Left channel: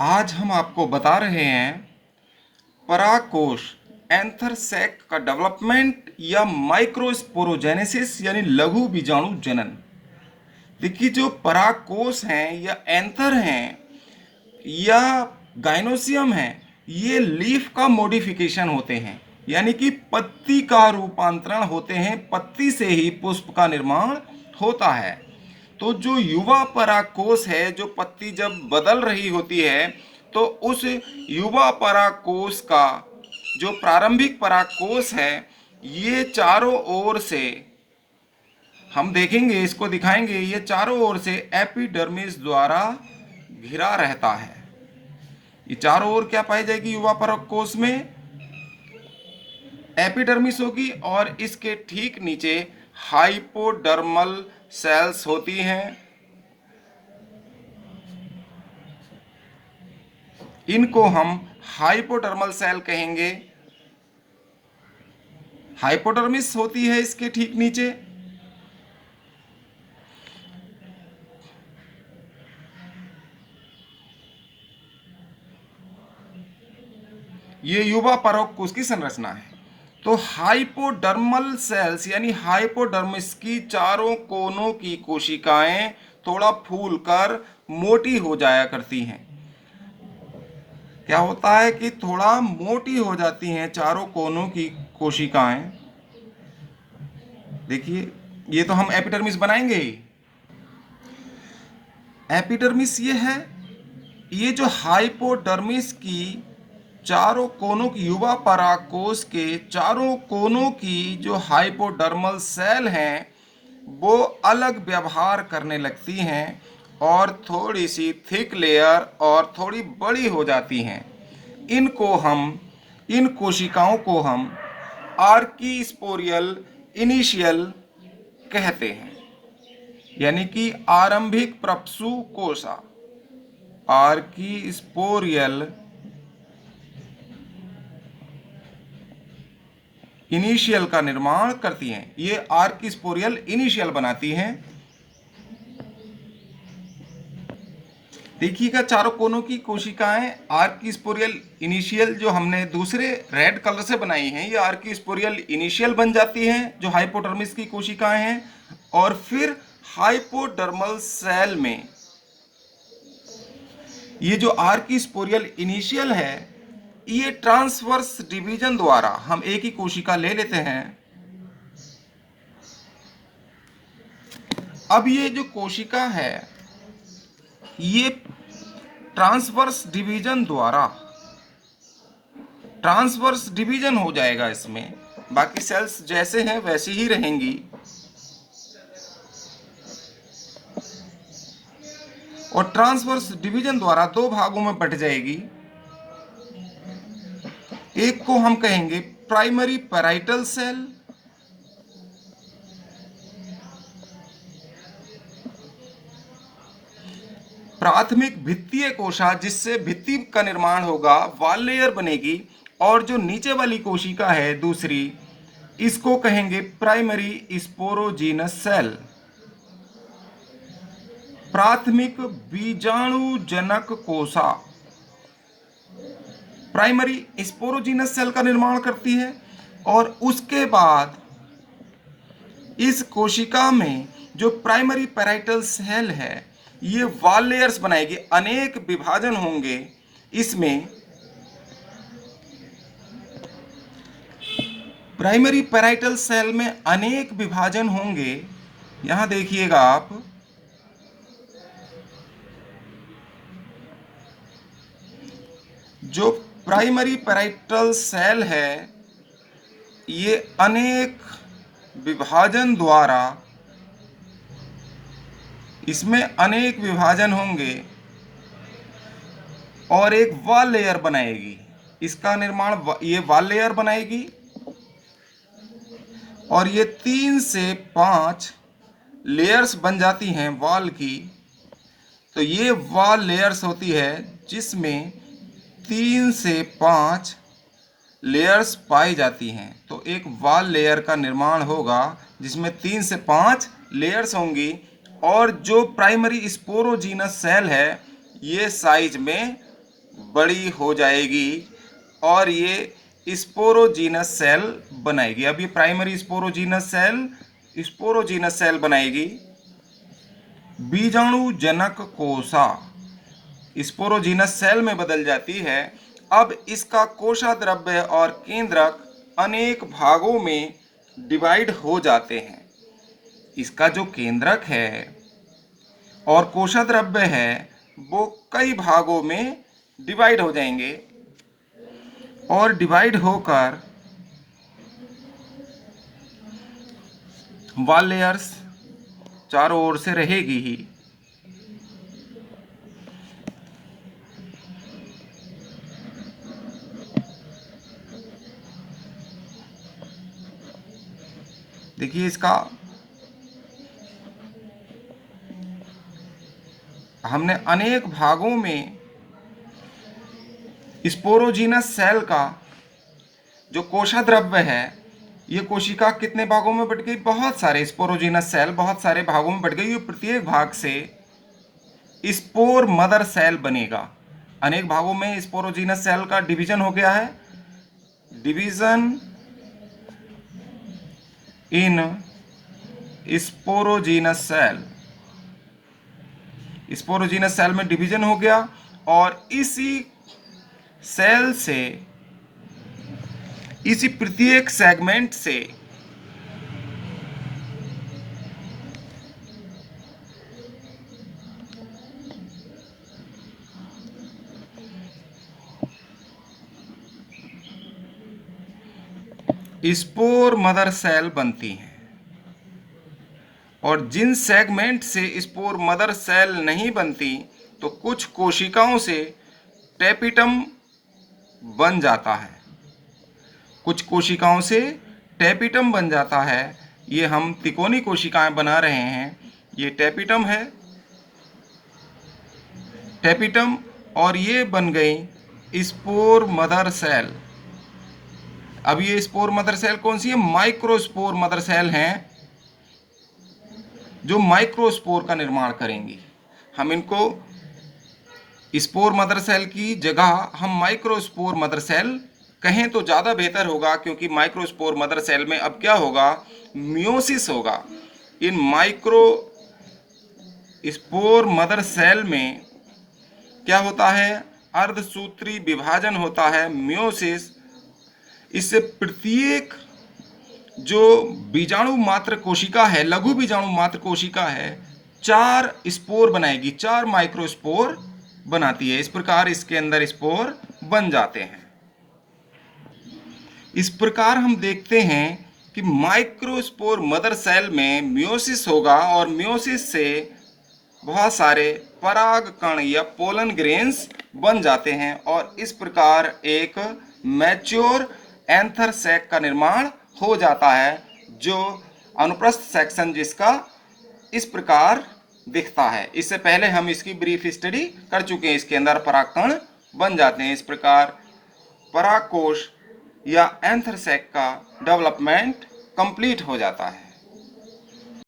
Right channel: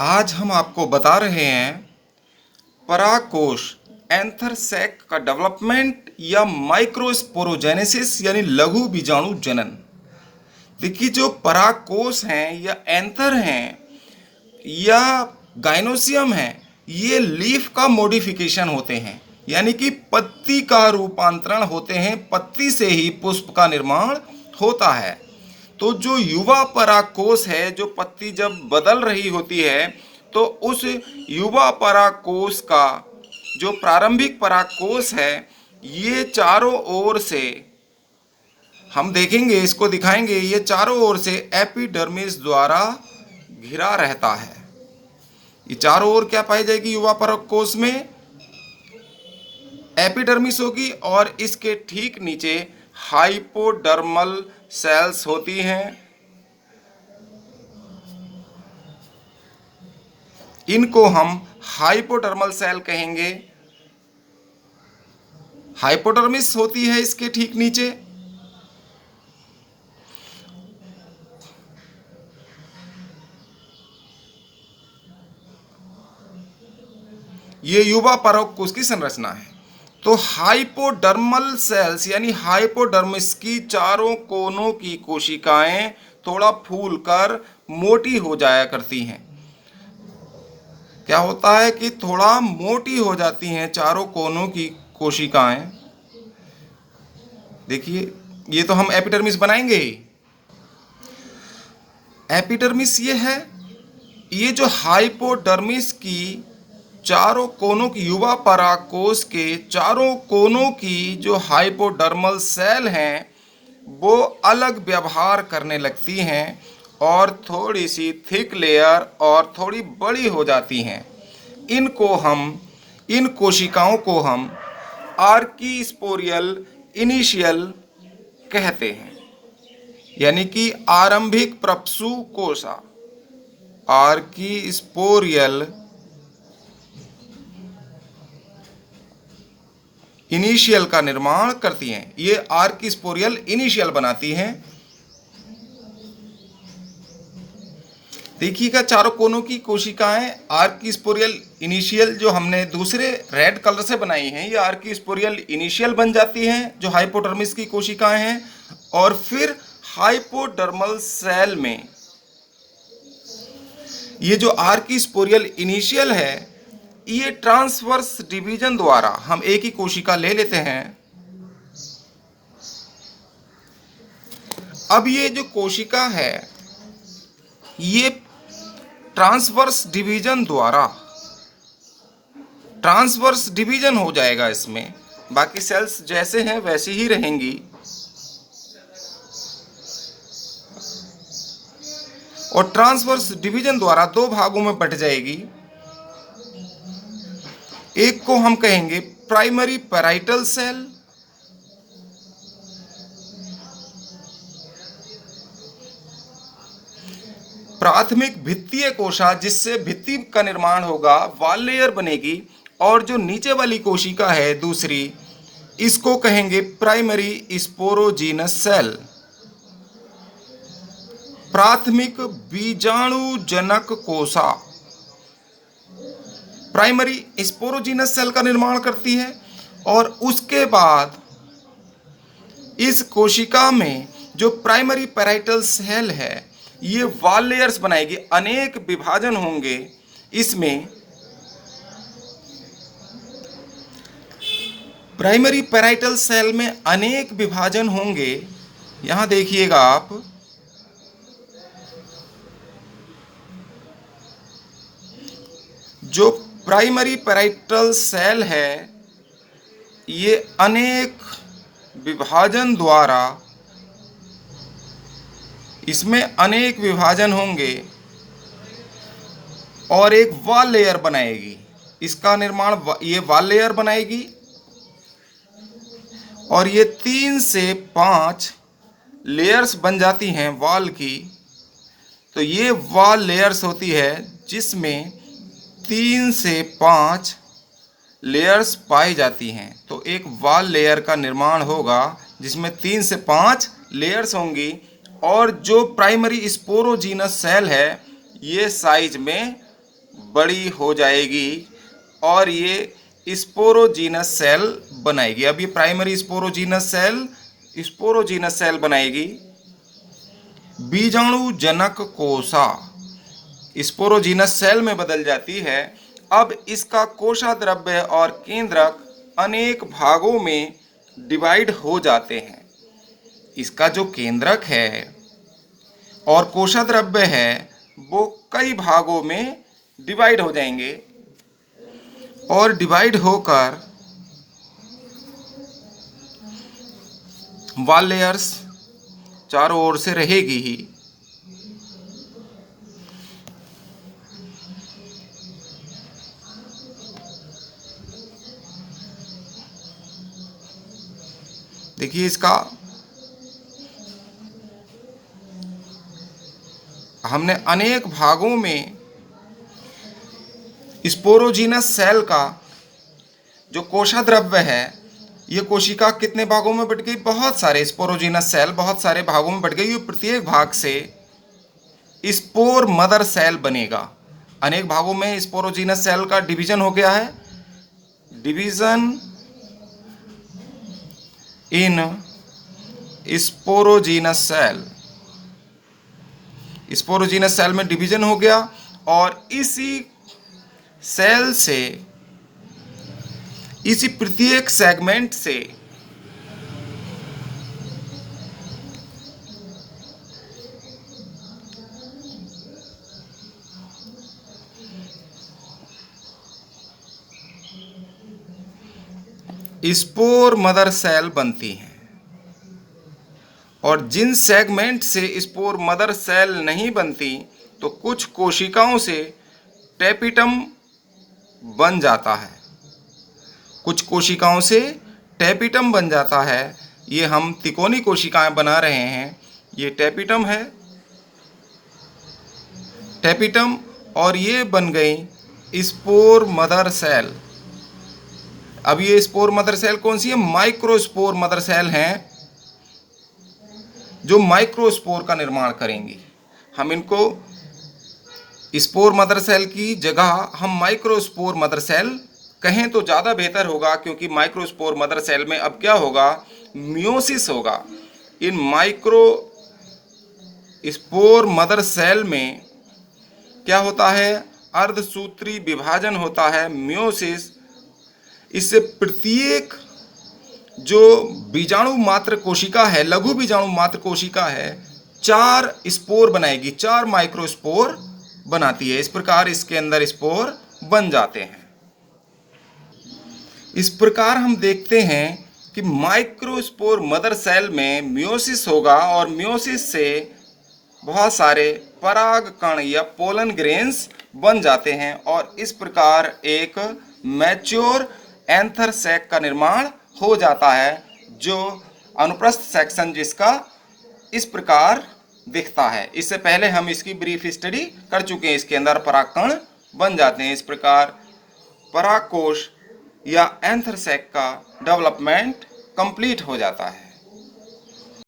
आज हम आपको बता रहे हैं परागकोश एंथर सैक का डेवलपमेंट या माइक्रोस्पोरोजेनेसिस यानी लघु बीजाणु जनन। देखिए, जो परागकोश हैं या एंथर हैं या गाइनोसियम हैं, ये लीफ का मॉडिफिकेशन होते हैं, यानी कि पत्ती का रूपांतरण होते हैं। पत्ती से ही पुष्प का निर्माण होता है। तो जो युवा परागकोश है, जो पत्ती जब बदल रही होती है, तो उस युवा परागकोश का जो प्रारंभिक परागकोश है, ये चारों ओर से हम देखेंगे, इसको दिखाएंगे, ये चारों ओर से एपिडर्मिस द्वारा घिरा रहता है। ये चारों ओर क्या पाई जाएगी? युवा परागकोश में एपिडर्मिस होगी और इसके ठीक नीचे हाइपोडर्मल सेल्स होती हैं। इनको हम हाइपोडर्मल सेल कहेंगे। हाइपोडर्मिस होती है इसके ठीक नीचे। ये युवा परागकोश की संरचना है। तो हाइपोडर्मल सेल्स यानी हाइपोडर्मिस की चारों कोनों की कोशिकाएं थोड़ा फूलकर मोटी हो जाया करती हैं। क्या होता है कि थोड़ा मोटी हो जाती हैं चारों कोनों की कोशिकाएं। देखिए, ये तो हम एपिडर्मिस बनाएंगे ही। एपिडर्मिस ये है। ये जो हाइपोडर्मिस की चारों कोनों की युवा परागकोश के चारों कोनों की जो हाइपोडर्मल सेल हैं, वो अलग व्यवहार करने लगती हैं और थोड़ी सी थिक लेयर और थोड़ी बड़ी हो जाती हैं। इन कोशिकाओं को हम आर्कीस्पोरियल इनिशियल कहते हैं, यानी कि आरंभिक प्रपसु कोशा। आर्कीस्पोरियल इनिशियल का निर्माण करती हैं। ये आर्कीस्पोरियल इनिशियल बनाती हैं। देखिएगा, चारों कोनों की कोशिकाएं आर्कीस्पोरियल इनिशियल जो हमने दूसरे रेड कलर से बनाई हैं, ये आर्कीस्पोरियल इनिशियल बन जाती हैं, जो हाइपोडर्मिस की कोशिकाएं हैं। और फिर हाइपोडर्मल सेल में ये जो आर्कीस्पोरियल इनिशियल है, ये ट्रांसवर्स डिवीजन द्वारा, हम एक ही कोशिका ले लेते हैं। अब ये जो कोशिका है, ये ट्रांसवर्स डिवीजन हो जाएगा इसमें। बाकी सेल्स जैसे हैं वैसी ही रहेंगी। और ट्रांसवर्स डिवीजन द्वारा दो भागों में बट जाएगी। एक को हम कहेंगे प्राइमरी पैराइटल सेल, प्राथमिक भित्तीय कोशा, जिससे भित्ति का निर्माण होगा, वॉल लेयर बनेगी। और जो नीचे वाली कोशिका है दूसरी, इसको कहेंगे प्राइमरी स्पोरोजीनस सेल, प्राथमिक बीजाणुजनक कोशा। प्राइमरी स्पोरोजीनस सेल का निर्माण करती है और उसके बाद इस कोशिका में जो प्राइमरी पैराइटल सेल है, ये वॉल लेयर्स बनाएगी। अनेक विभाजन होंगे इसमें। प्राइमरी पैराइटल सेल में अनेक विभाजन होंगे। यहां देखिएगा आप, जो प्राइमरी पैराइटल सेल है, ये अनेक विभाजन द्वारा, इसमें अनेक विभाजन होंगे और एक वॉल लेयर बनाएगी। इसका निर्माण ये वॉल लेयर बनाएगी और ये 3 से 5 लेयर्स बन जाती हैं वॉल की। तो ये वॉल लेयर्स होती है जिसमें 3 से 5 लेयर्स पाई जाती हैं। तो एक वॉल लेयर का निर्माण होगा जिसमें 3 से 5 लेयर्स होंगी। और जो प्राइमरी स्पोरोजीनस सेल है, ये साइज में बड़ी हो जाएगी और ये स्पोरोजीनस सेल बनाएगी। अब ये प्राइमरी स्पोरोजीनस सेल बनाएगी। बीजाणु जनक कोशा स्पोरोजीनस सेल में बदल जाती है। अब इसका कोशा द्रव्य और केंद्रक अनेक भागों में डिवाइड हो जाते हैं। इसका जो केंद्रक है और कोशा द्रव्य है वो कई भागों में डिवाइड हो जाएंगे और डिवाइड होकर वॉल लेयर्स चारों ओर से रहेगी ही। देखिए इसका हमने अनेक भागों में स्पोरोजीनस सेल का जो कोशा द्रव्य है, ये कोशिका कितने भागों में बट गई? बहुत सारे स्पोरोजीनस सेल बहुत सारे भागों में बट गई। ये प्रत्येक भाग से स्पोर मदर सेल बनेगा। अनेक भागों में स्पोरोजीनस सेल का डिवीजन हो गया है। Division in sporogenous cell, sporogenous cell में डिवीजन हो गया और इसी सेल से, इसी प्रत्येक सेगमेंट से स्पोर मदर सेल बनती हैं। और जिन सेगमेंट से स्पोर मदर सेल नहीं बनती तो कुछ कोशिकाओं से टेपिटम बन जाता है। कुछ कोशिकाओं से टेपिटम बन जाता है। ये हम तिकोनी कोशिकाएं बना रहे हैं। ये टेपिटम है, टेपिटम, और ये बन गई स्पोर मदर सेल। अब ये स्पोर मदर सेल कौन सी है? माइक्रोस्पोर मदर सेल हैं जो माइक्रोस्पोर का निर्माण करेंगी। हम इनको स्पोर मदर सेल की जगह हम माइक्रोस्पोर मदर सेल कहें तो ज़्यादा बेहतर होगा, क्योंकि माइक्रोस्पोर मदर सेल में अब क्या होगा? मियोसिस होगा। इन माइक्रो स्पोर मदर सेल में क्या होता है? अर्धसूत्री विभाजन होता है, मियोसिस। इससे प्रत्येक जो बीजाणु मात्र कोशिका है, लघु बीजाणु मात्र कोशिका है, 4 स्पोर बनाएगी, 4 माइक्रोस्पोर बनाती है। इस प्रकार इसके अंदर स्पोर बन जाते हैं। इस प्रकार हम देखते हैं कि माइक्रोस्पोर मदर सेल में मियोसिस होगा और मियोसिस से बहुत सारे पराग कण या पोलन ग्रेन्स बन जाते हैं और इस प्रकार एक मैच्योर एंथर सैक का निर्माण हो जाता है, जो अनुप्रस्थ सेक्शन जिसका इस प्रकार दिखता है। इससे पहले हम इसकी ब्रीफ स्टडी कर चुके हैं। इसके अंदर परागकण बन जाते हैं। इस प्रकार परागकोश या एंथर सैक का डेवलपमेंट कंप्लीट हो जाता है।